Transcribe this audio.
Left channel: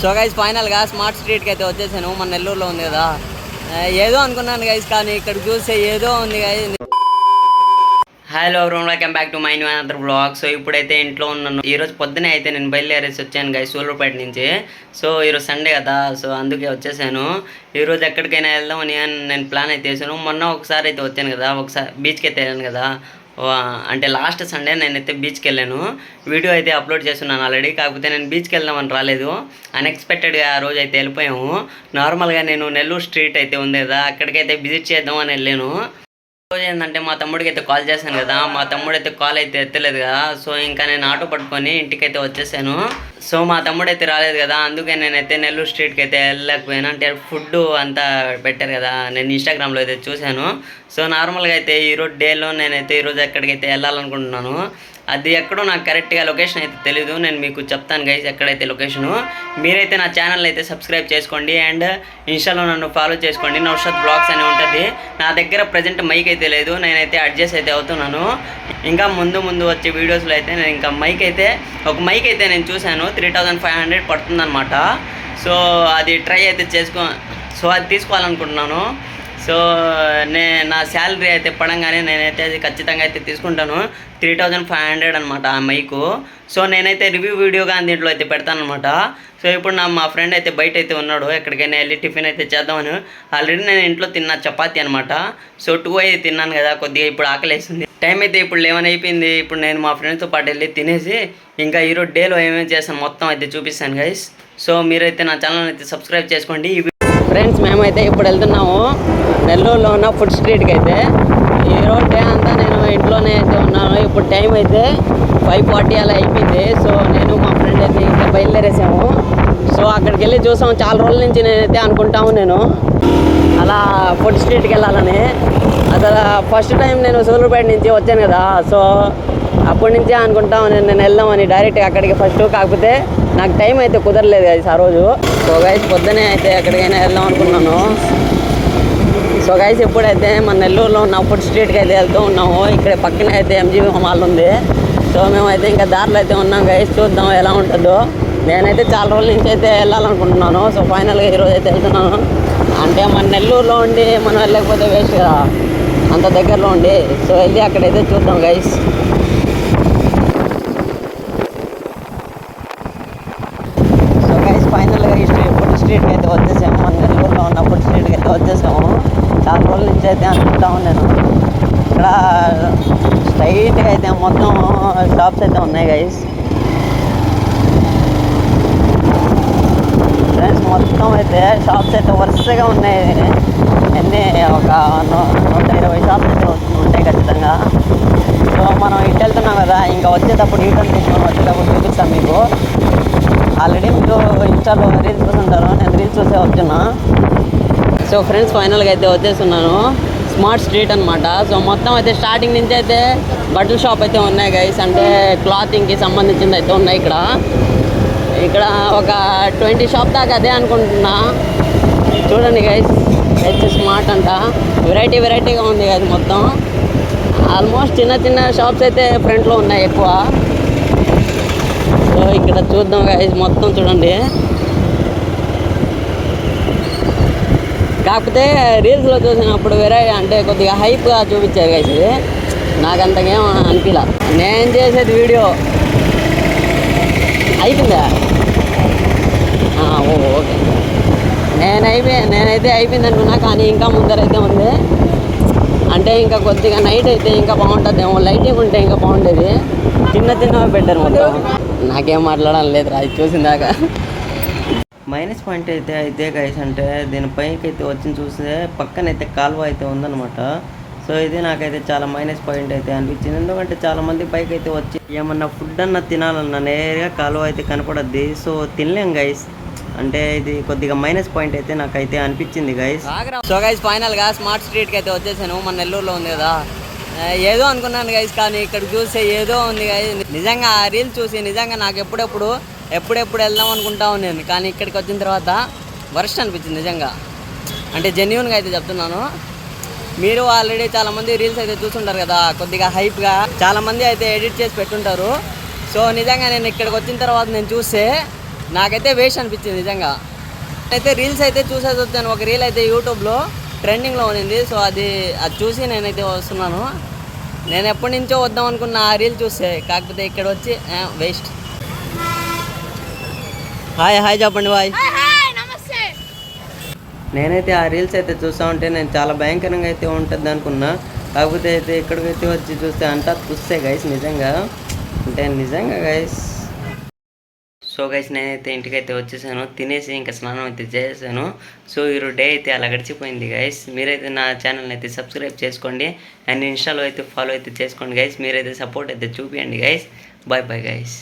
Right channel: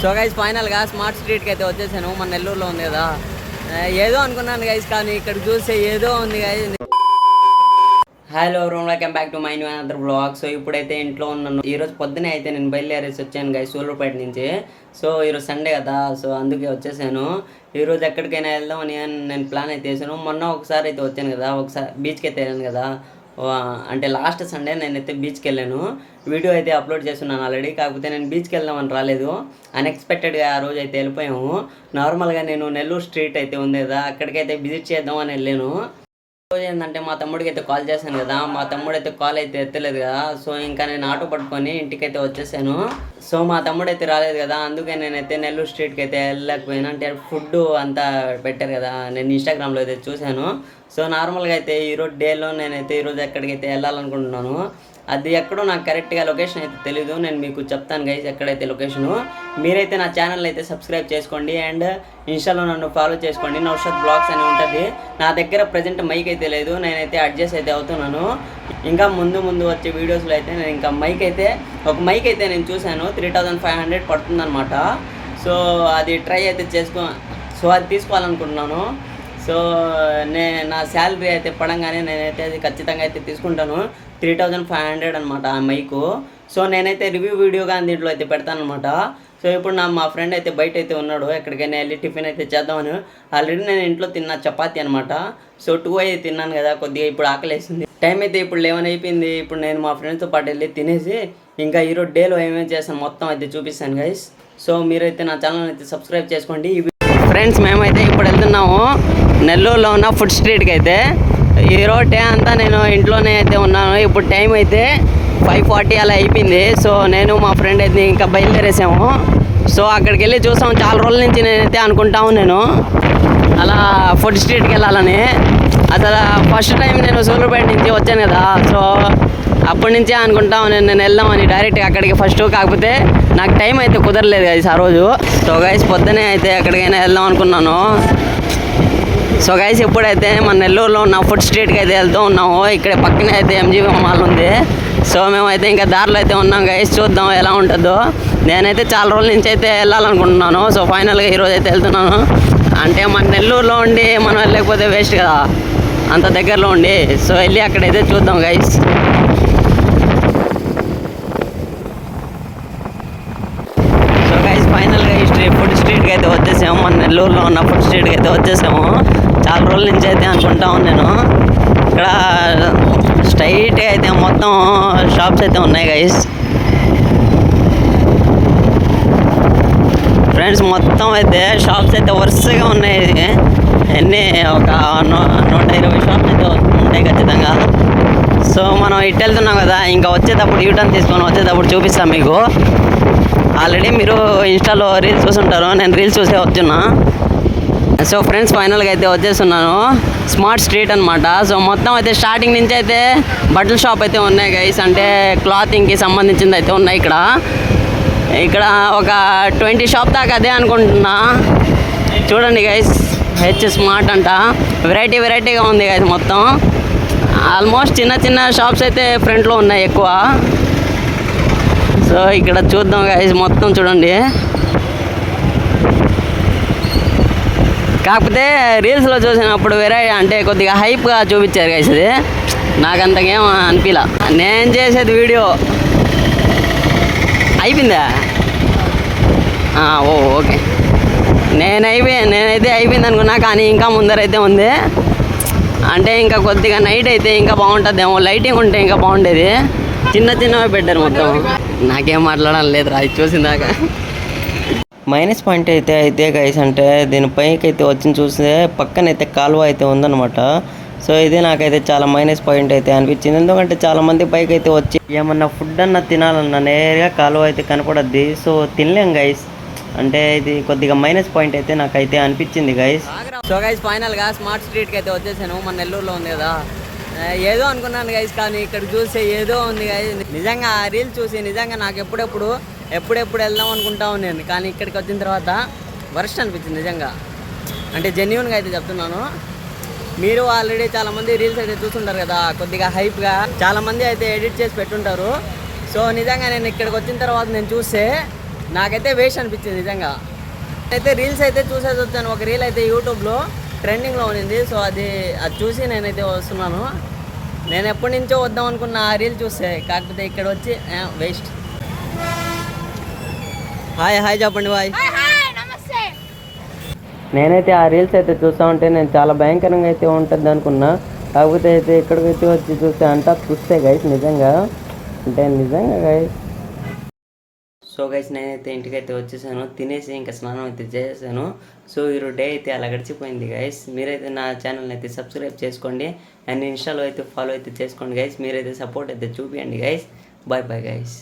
So guys ఫైనల్గా smart స్ట్రీట్కి అయితే వచ్చేసాను. మన నెల్లూరులో ఉంది కదా, ఏదో అనుకున్నాను గైస్, కానీ ఇక్కడ చూస్తే ఏదో ఉంది guys. Hello everyone, welcome back to my new another blog. So ఇప్పుడైతే ఇంట్లో ఉన్నాను. ఈరోజు పొద్దునే అయితే నేను బయలుదేరేసి వచ్చాను గైస్ సూళ్ళూరుపేట నుంచి. సో ఈరోజు సండే కదా, సో అందుకే వచ్చేసాను. ఈరోజు ఎక్కడికైనా వెళ్దామని నేను ప్లాన్ అయితే వేసాను. మొన్న ఒకసారి అయితే వచ్చాను కదా, ఒకసారి బీచ్కి అయితే వెళ్ళాను కదా, అంటే లాస్ట్ సండే నేనైతే బీచ్కి వెళ్ళాను. వీడియో అయితే అప్లోడ్ చేస్తున్నాను ఆల్రెడీ. కాకపోతే నేను బీచ్కి వెళ్దామని రాలేదు, అన్ఎక్స్పెక్టెడ్గా ఆ రోజు అయితే వెళ్ళిపోయాము. నార్మల్గా నేను నెల్లూరు స్ట్రీట్ అయితే ఉంది కదా, అక్కడికైతే విజిట్ చేద్దామని వెళ్ళాను. రోజు ఏంటంటే మా తమ్ముడికి అయితే కాల్ చేశాను కదా, మా తమ్ముడు అయితే కాల్ అయితే ఎత్తలేదు కదా. సో ఇంకా నేను ఆటో పట్టుకొని ఇంటికైతే వచ్చేసాను. సో మా తమ్ముడు అయితే రాలేదు కదా, అందుకే నేనైతే నెల్లూరు స్ట్రీట్కి అయితే వెళ్ళలేకపోయాను. అంటే ఫుడ్ అంతా పెట్టారు కదా, నేను ఇన్స్టాగ్రామ్లో అయితే చూశాను. సో నార్మల్గా అయితే ఈరోజు డేలో నేనైతే ఈరోజు ఎక్కడికైతే వెళ్ళాలనుకుంటున్నాను. అది ఎక్కడో నాకు కరెక్ట్గా లొకేషన్ అయితే తెలీదు, నేను మీకు చెప్తాను గైస్ ఎక్కడైతే లొకేషను. మీరైతే నా ఛానల్ అయితే సబ్స్క్రైబ్ చేసుకోండి అండ్ ఇన్స్టాలో నన్ను ఫాలో చేసుకోండి. నౌషాద్ బ్లాగ్స్ అని ఉంటుంది. నా దగ్గర ప్రజెంట్ మైక్ అయితే లేదు, నేనైతే అడ్జస్ట్ అయితే అవుతున్నాను. ఇంకా ముందు వచ్చే వీడియోస్లో అయితే నేను ఇంకా ఒక మైక్ అయితే నేను చూశాను, 3500 పడుతుందన్నమాట. సో అది ట్రై అయితే అది తీసుకోవాలనుకుంటున్నాను. సో నా శాలరీ అయితే పడంగానే నేనైతే అది ఖచ్చితంగా అయితే తీసుకుంటాను. 3500 అనమాట ఆ మైకు. సో నేనైతే రివ్యూ వీడియోగా దీంట్లో అయితే పెడతాను అనమాట. సో ఇప్పుడు మా ఫ్రెండ్ అయితే బయట అయితే ఉన్నాడు, ఎక్కడికైనా వెళ్ళి టిఫిన్ అయితే చేద్దామని. ఆల్రెడీ నేను ఇంట్లో తిన్న చపాతీ అనమాట. సో 2 అయితే తిన్నాను కదా, కొద్దిగా ఇప్పుడు ఆకలేస్తుంది. టైం అయితే ఇప్పుడు 11 అయిపోయింది. ఇప్పుడు నేను మా ఫ్రెండ్స్తో పాటు వెళ్ళి తినేసి ఇంకా ఈరోజు డేలో ఏమేమి చేస్తాను మొత్తం అయితే చూపిస్తాను గైస్. సో మీరైతే నా ఛానల్ అయితే సబ్స్క్రైబ్ చేసుకోండి. ఫ్రెండ్స్ మేమైతే ఇప్పుడు వెళ్తున్నాము నెల్లూరులో ఉన్న ఫుడ్ స్ట్రీట్కి అయితే. ఈరోజు డే అంతా నేను ఇంట్లోనే అయితే ఉన్నాను. ఇప్పుడు టైం అయితే 5:40 అలా అయిపోయింది. సో నేను మా ఫ్రెండ్ అయితే ఇంకా బయలుదేరేసాము. సో అక్కడికి వెళ్ళి చూసాము, చాలా రోజుల నుంచి నేనైతే అనుకుంటాము నేను అలా ఫుడ్ స్ట్రీట్కి వెళ్ళాలని. అసలు ఫస్ట్ టైం నేను సూళ్ళూరుపేట నుంచి వచ్చాను కదా, సో అప్పటి నుంచే అనుకుంటాము నేను వెళ్దామని డైరెక్ట్గా అక్కడికి ఫస్ట్. కాకపోతే నాకు టైం అయితే కుదరలేదు గైస్ ఆ రోజు. సో గైస్ పొద్దునే అయితే ఎక్కడికైనా వెళ్దాం అనుకున్నాను. సో గైస్ ఇప్పుడైతే మన నెల్లూరులో ఉన్న ఫుడ్ స్ట్రీట్కి అయితే వెళ్తూ ఉన్నాము. ఇక్కడ పక్కనే అయితే ఎంజీబీ మాల్ ఉంది. సో మేమైతే ఇంకా దారిలో అయితే ఉన్నాం గైస్, చూద్దాం ఎలా ఉంటుందో. నేనైతే చాలా రోజుల నుంచి అయితే వెళ్ళాలనుకుంటున్నాను. సో ఫైనల్గా ఈరోజు అయితే వెళ్తున్నాను. అంటే మన నెల్లూరులో ఉండి మనం వెళ్ళకపోతే వేస్ట్ కదా, అంత దగ్గరలో ఉండి. సో వెళ్ళి అక్కడైతే చూద్దాం గైస్. సో గైస్ ఫైనల్గా ఈ ఫుడ్ స్ట్రీట్కి అయితే వచ్చేసాము. మన నెల్లూరులో ఉన్న ఫుడ్ స్ట్రీట్కి అయితే వచ్చేసాము. చాలా రోజుల నుంచి అయితే అనుకుంటాము నేను. ఇక్కడ స్ట్రైట్గా అయితే మొత్తం షాప్స్ అయితే ఉన్నాయి గైస్. ఫ్రెండ్స్ మొత్తం అయితే షాప్స్ అయితే వరుసగా ఉన్నాయి. ఎన్ని ఒక 120 షాప్స్ అయితే ఉంటాయి ఖచ్చితంగా. సో మనం ఇటు వెళ్తున్నాం కదా, ఇంకా వచ్చేటప్పుడు యూటర్న్ తీసుకొని వచ్చేటప్పుడు చూపిస్తాం మీకు. ఆల్రెడీ మీరు ఇన్స్టాలో రీల్స్ చూసుంటారు, నేను రీల్స్ చూసే వచ్చున్నా. సో ఫ్రెండ్స్ ఫైనల్గా అయితే వచ్చేస్తున్నాను స్మార్ట్ స్ట్రీట్ అనమాట. సో మొత్తం అయితే స్టార్టింగ్ నుంచి అయితే బట్టల షాప్ అయితే ఉన్నాయి గైస్, అంటే క్లాతింగ్కి సంబంధించింది అయితే ఉన్నాయి ఇక్కడ ఒక 20 షాప్ దాకా అదే అనుకుంటున్నా. చూడండి గైస్, స్మార్ట్ అంట, వెరైటీగా ఉంది గైస్. మొత్తం ఆల్మోస్ట్ చిన్న షాప్స్ అయితే ఫ్రంట్లో ఉన్నాయి ఎక్కువ. సో ఇక్కడ చూద్దాం గైస్, మొత్తం చూడండి. కాకపోతే రీల్స్లో చూసినప్పుడు వేరే అంటే కొద్దిగా హైప్గా చూపించారు గైస్. ఇది నాకు అంతకేం అనిపించలా. నేను చేసేది వీడియో అయిపోయిందా? ఓకే, నేనైతే అయిపోయింది అనుకున్నా, కానీ ఇంకా ముందరైతే ఉంది. అంటే ఇంకా కొద్దిగా నైట్ అయితే ఇంకా బాగుంటుందేమో, లైటింగ్ ఉంటే ఇంకా బాగుండేది. చిన్నవి పెట్టారు మొత్తం. నాకేం మాట్లాడాలి లేదు రా, చూసిందాక. మైనస్ పాయింట్ అయితే గైస్, అంటే దీనిపైకి అయితే వచ్చి చూస్తే పక్కనైతే కాలువ అయితే ఉందన్నమాట. సో ఇది నాకైతే చాలా మైనస్ పాయింట్ అయితే అనిపించింది. ఎందుకంటే చాలామంది పైకి అయితే వచ్చి ఏమన్నా ఫుడ్ అన్నా తినాలన్నా నేరుగా కాలువ అయితే కనపడద్ది. సో తినలేం గైస్, అంటే ఇది కొద్దిగా మైనస్ పాయింట్ అయితే నాకైతే అనిపించింది గైస్. సో గైస్ ఫైనల్గా స్మార్ట్ స్ట్రీట్కి అయితే వచ్చేసాను. మన నెల్లూరులో ఉంది కదా, ఏదో అనుకున్నాను గైస్, కానీ ఇక్కడ చూస్తే ఏదో ఉంది గైస్. నిజంగా ఆ రీల్ చూసి నిజంగా నాకు ఎప్పుడెప్పుడు వెళ్దాం అనుకుంటాను నేను, కానీ ఇక్కడికి వచ్చిన తర్వాత వర్స్ట్ అనిపించింది నిజంగా. అంటే జెన్యూన్గా అయితే చెప్తున్నాను. మీరు ఆల్రెడీ చాలామంది రీల్స్ అయితే చూస్తుంటారు కదా, కొద్దిగా హైప్గా చాలామంది అయితే ఎడిట్ చేసి పెట్టుంటారు. సో నిజంగా నేను ఇక్కడికి వచ్చిన తర్వాత నేను చూస్తే నాకైతే వేస్ట్ అనిపించింది నిజంగా. అయితే రీల్స్ అయితే చూసేసి వచ్చాను. ఒక రీల్ అయితే యూట్యూబ్లో ట్రెండింగ్లో ఉన్నింది. సో అది చూసి నేనైతే వస్తున్నాను. నేను ఎప్పటి నుంచో వద్దాం అనుకున్న ఆ రీల్ చూస్తే, కాకపోతే ఇక్కడ వచ్చి వేస్ట్. హాయ్ చెప్పండి బాయ్. నేనైతే ఆ రీల్స్ అయితే చూస్తూ ఉంటే నేను చాలా భయంకరంగా అయితే ఉంటుంది అనుకున్నా. కాకపోతే అయితే ఇక్కడికైతే వచ్చి చూస్తే అంతా చూస్తే గైస్ నిజంగా గైస్. సో గైస్ నేనైతే ఇంటికైతే వచ్చేసాను, తినేసి ఇంకా స్నానం అయితే చేసేసాను. సో ఈరోజు డే అయితే అలా గడిచిపోయింది గైస్. మీరైతే నా ఛానల్ని అయితే సబ్స్క్రైబ్ చేసుకోండి అండ్ ఇన్స్టాలో అయితే ఫాలో అయితే చేసుకోండి గైస్. మీరైతే సపోర్ట్ అయితే చూపించండి గైస్. Bye guys.